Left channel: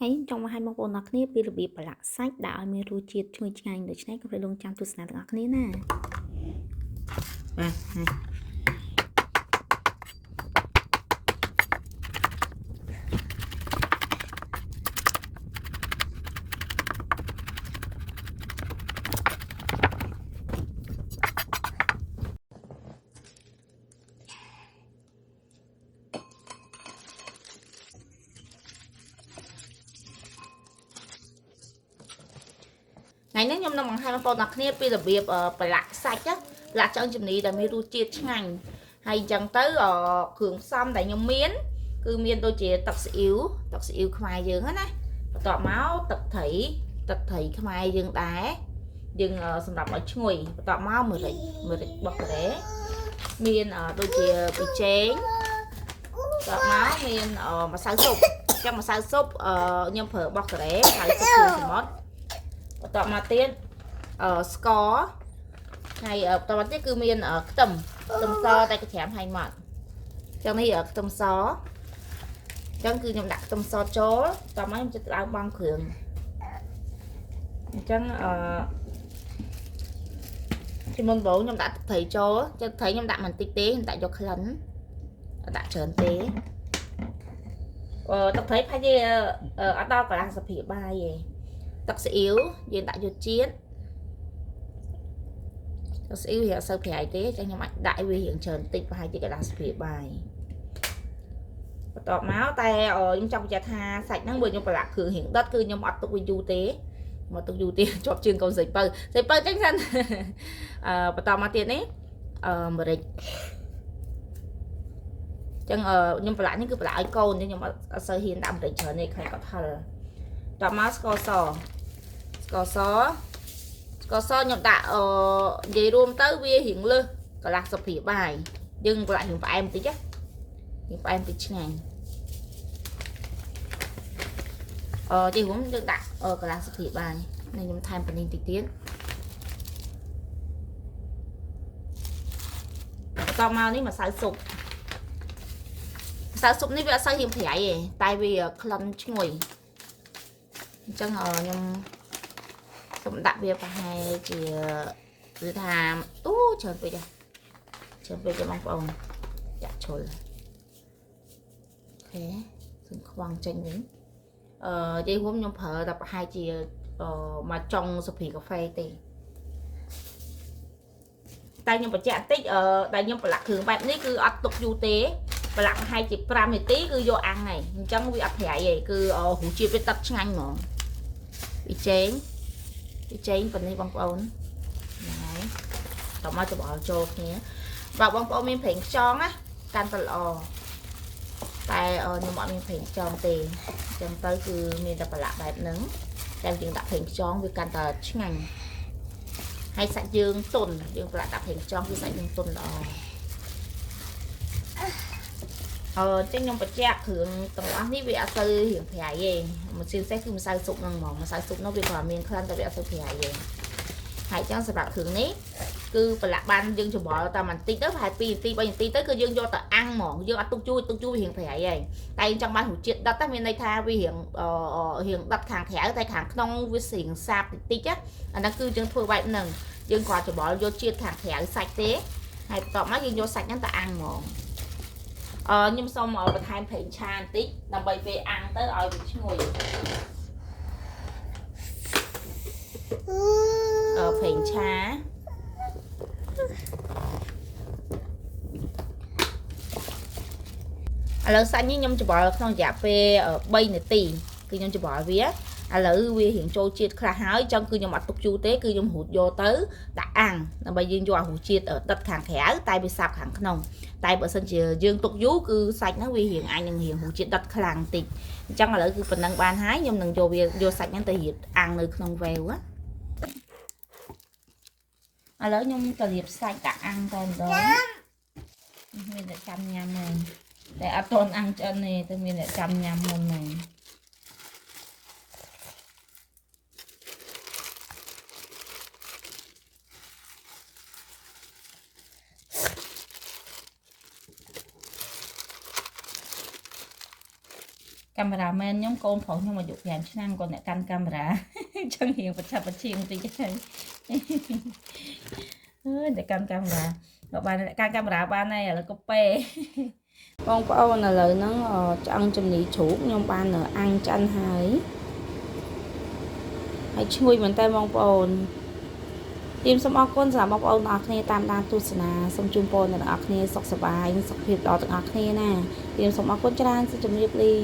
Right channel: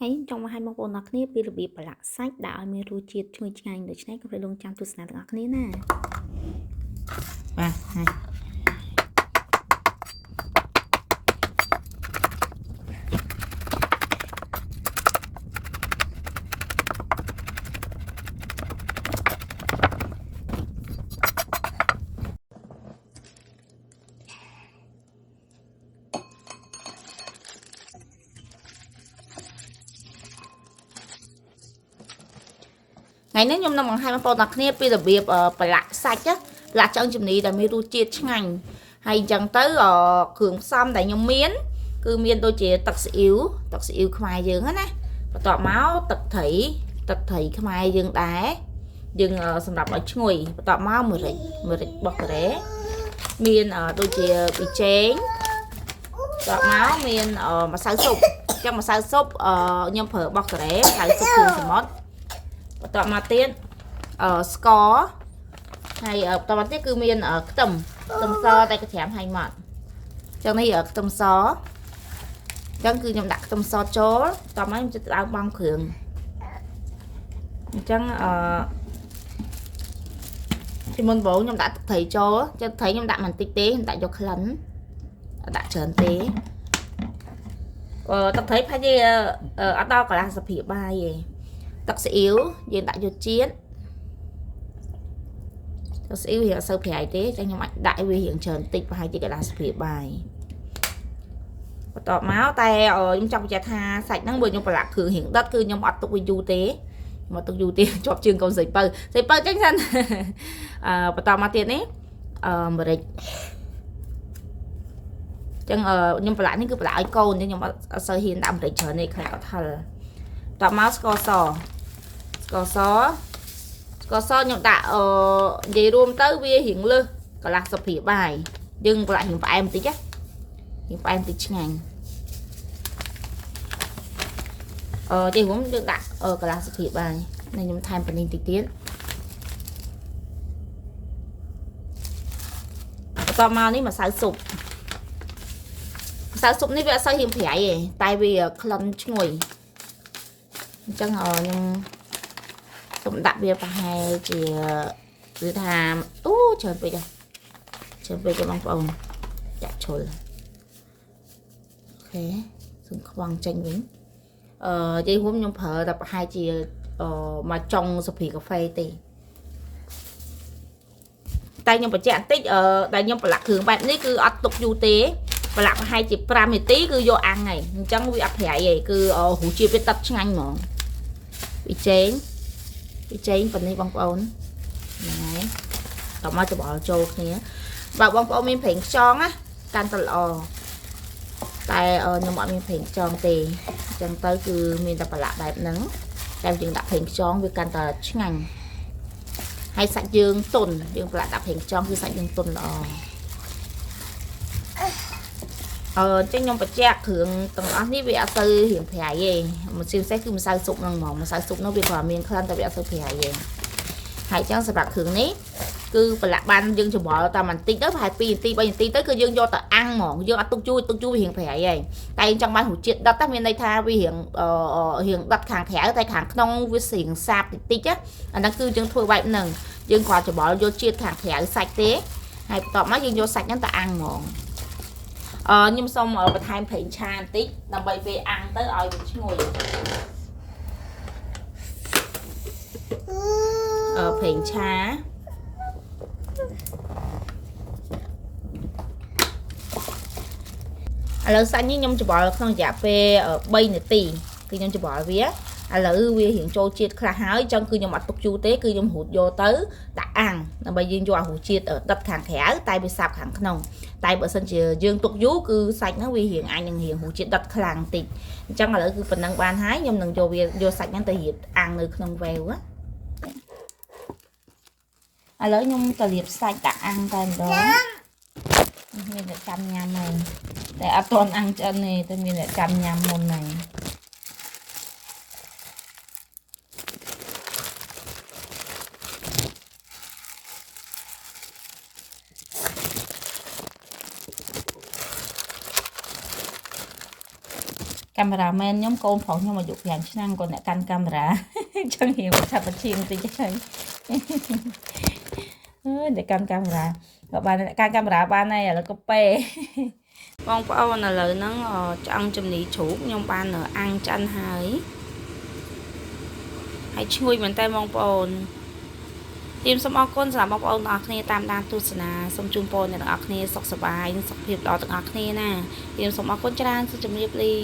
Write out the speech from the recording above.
Hãy trong hai mong bọn kia bịរបៀបប្រឡាក់សាច់ដាក់ឲ្យមានរសជាតិឈ្ងុយឆ្ងាញ់ដូច្នេះកុំភ្លេចរងចាំទស្សនាទាំងអស់គ្នាណាថ្ងៃនេះខ្ញុំនឹងបង្ហាញបងប្អូនទាំងគ្នាពីរបៀបប្រឡាក់សាច់ប្រឡាក់ឆ្អឹងជំនីដែលមានរសជាតិឆ្ងាញ់ហើយអញ្ចឹងទៅគ្រឿងផ្សំដែលខ្ញុំមានគឺមានដូចជាទឹកស៊ីអ៊ីវខ្មែរយើងណាបន្ទាប់មកទឹកត្រីខ្មែរយើងដែរយើងសម្រាប់ឲ្យឈ្ងុយបន្ទាប់មកម្រេចបោះការ៉េមានដូចជាប៊ីចេងបន្ទាប់មកមានម្សៅស៊ុបអញ្ចឹងម្សៅស៊ុបខ្ញុំប្រើបោះការ៉េម្សៅស៊ុបគ្រឿងសមុទ្របន្ទាប់មកទៀតស្ករហើយបន្ទាប់មកទៀតគឺមានខ្ទឹមសតែក្រាមហើយមកអញ្ចឹងនេះខ្ទឹមសអញ្ចឹងគឺខ្ញុំដាក់ខ្ទឹមសចូលបន្ទាប់មកខ្ញុំចិត្តឡើងបងគ្រឿងអញ្ចឹងពីមុនបងខ្ញុំដាក់ទឹកត្រីចូលចិត្តត្រីខ្ញុំដាក់បន្តិចទេខ្ញុំដាក់យកក្លិនដាក់ច្រើនទេទឹកត្រីផាច់ទេអត់ដល់កន្លះសភាបាយទេទឹកស៊ីអ៊ីវយើងដាក់យកជាតិទឹកស៊ីអ៊ីវវាអត់សូវប្រៃទេតែខ្ញុំអាចដាក់វារៀងច្រើនតិចប្រហែលជាកន្លះសភាបាយបន្ទាប់មកតែខ្ញុំចង់បញ្ជាក់ថាសាច់ហ្នឹងបើខ្ញុំប្រឡាក់គ្រឿងរៀងដិតគឺខ្ញុំអត់ទុកវាយូរទេមកទុកយូរទេជាប់ជើងកូនស្រីពៅចេញសិនបន្តមកទៀតនេះម្រេចចឹងខ្ញុំប្រឡាក់នេះគឺប្រឡាក់ឲ្យកូនខ្ញុំអត់សូវហ៊ានដាក់ម្រេចច្រើនទេខ្លាចគាត់ហិលតមកស្ករសខ្ញុំដាក់និយាយរួមទៅវារៀងលើសកន្លះសភាបាយយើងប្រឡាក់រៀងផ្អែមបន្តិចរៀងផ្អែមបន្តិចឆ្ងាញ់និយាយរួមយើងដាក់កន្លះសភាបាយខ្ញុំថែមប៉ានីងតិចទៀតបន្ទាប់មកនេះម្សៅស៊ុបនេះវាអត់សូវរៀងប្រៃទេតែវាក្លិនឈ្ងុយអញ្ចឹងខ្ញុំសូមដាក់វាប្រហែលជាគឺថាច្រើនពេកបងប្អូនចាក់ឈុលអូខេសូមខ្វង់ចេញវិញនិយាយរួមខ្ញុំប្រើតែប្រហែលជាមកចុងសុភីកាហ្វេទេតែខ្ញុំបញ្ជាក់បន្តិចដែលខ្ញុំប្រឡាក់គ្រឿងបែបនេះគឺអត់ទុកយូរទេប្រឡាក់ប្រហែលជា5នាទីគឺយកអាំងហើយអញ្ចឹងវាអត់ប្រៃទេគឺរសជាតិវាដិតឆ្ងាញ់ហ្មងពីចេងប៉ុណ្នេះបងប្អូនហ្នឹងហើយតោះមកច្របល់ចូលគ្នាបើបងប្អូនមានប្រេងខ្យងណាកាន់តែល្អតែខ្ញុំអត់មានប្រេងខ្យងទេអញ្ចឹងទៅគឺមានតែប្រឡាក់បែបហ្នឹងតែយើងដាក់ប្រេងខ្យងវាកាន់តែឆ្ងាញ់ហើយសាច់យើងទន់យើងប្រឡាក់ដាក់ប្រេងខ្យងគឺសាច់យើងទន់ល្អចឹងខ្ញុំបញ្ជាក់គ្រឿងទាំងអស់នេះវាអត់ទៅរៀងប្រៃទេមួយជាពិសេសគឺម្សៅស៊ុបហ្នឹងហ្មងម្សៅស៊ុបនោះវាក៏មានក្លិនតែវាអត់ទៅប្រៃទេហើយចឹងសម្រាប់គ្រឿងនេះគឺប្រឡាក់បានយើងច្របល់តែបន្តិចទៅប្រហែល2នាទី3នាទីទៅគឺយើងយកទៅអាំងហ្មងយើងអត់ទុកយូរវារៀងប្រៃហើយតែចង់បានរសជាតិដិតតែមានន័យថាវារៀងដិតខាងក្រៅតែខាងក្នុងវារៀងសាបតិចអាហ្នឹងគឺយើងធ្វើបែបហ្នឹងយើងគ្រាន់ច្របល់យកជាតិខាងក្រៅសាច់ទេហើយបន្ទាប់មកយើងយកសាច់ហ្នឹងទៅអាំងហ្មងខ្ញុំសូមបន្ថែមប្រេងឆាបន្តិចដើម្បីពេលអាំងទៅឲ្យវាឈ្ងុយប្រេងឆាឥឡូវសាច់នេះខ្ញុំច្របល់ក្នុងរយៈពេល3នាទីគឺខ្ញុំច្របល់វាឥឡូវវារៀងចូលជាតិខ្លះហើយអញ្ចឹងគឺខ្ញុំអត់ទុកយូរទេគឺខ្ញុំរូតយកទៅដាក់អាំងដើម្បីយើងយកអារសជាតិដិតខាងក្រៅតែវាសាប់ខាងក្នុងតែបើសិនជាយើងទុកយូរគឺសាច់ហ្នឹងវារៀងអាចនឹងរៀងរសជាតិដិតខ្លាំងតិចអញ្ចឹងឥឡូវគឺប៉ុណ្ណឹងបានហើយខ្ញុំនឹងយកសាច់ហ្នឹងទៅរៀបអាំងនៅក្នុងវ៉េវឥឡូវខ្ញុំទៅរៀបសាច់ដាក់អាំងតែម្ដងមានតែចាំញ៉ាំហើយតែអត់ទាន់អាំងឆ្អិនទេតែមានតែចាំញ៉ាំមុនហ្នឹងកា កាមេរ៉ាមែនខ្ញុំកូនប្រុសខ្ញុំអាយុ5ឆ្នាំគាត់អ្នកកាន់កាមេរ៉ាចឹងរៀងប្រឆាប់ប្រឈៀងតិចហើយអើយអ្នកកាន់កាមេរ៉ាក៏បានអ្នកកាន់កាមេរ៉ាបានហើយឥឡូវក៏ពេបងប្អូនឥឡូវហ្នឹងឆ្អឹងជំនីជ្រូកខ្ញុំបានអាំងឆ្អិនហើយឈ្ងុយមែនតើបងប្អូនសូមអរគុណសម្រាប់បងប្អូនទាំងអស់គ្នាតាមដានទស្សនាសូមជូនពរអ្នកទាំងអស់គ្នាសុខសប្បាយនិងសុខភាពល្អទាំងអស់គ្នាណាសូមអរគុណច្រើនសូមជម្រាបលា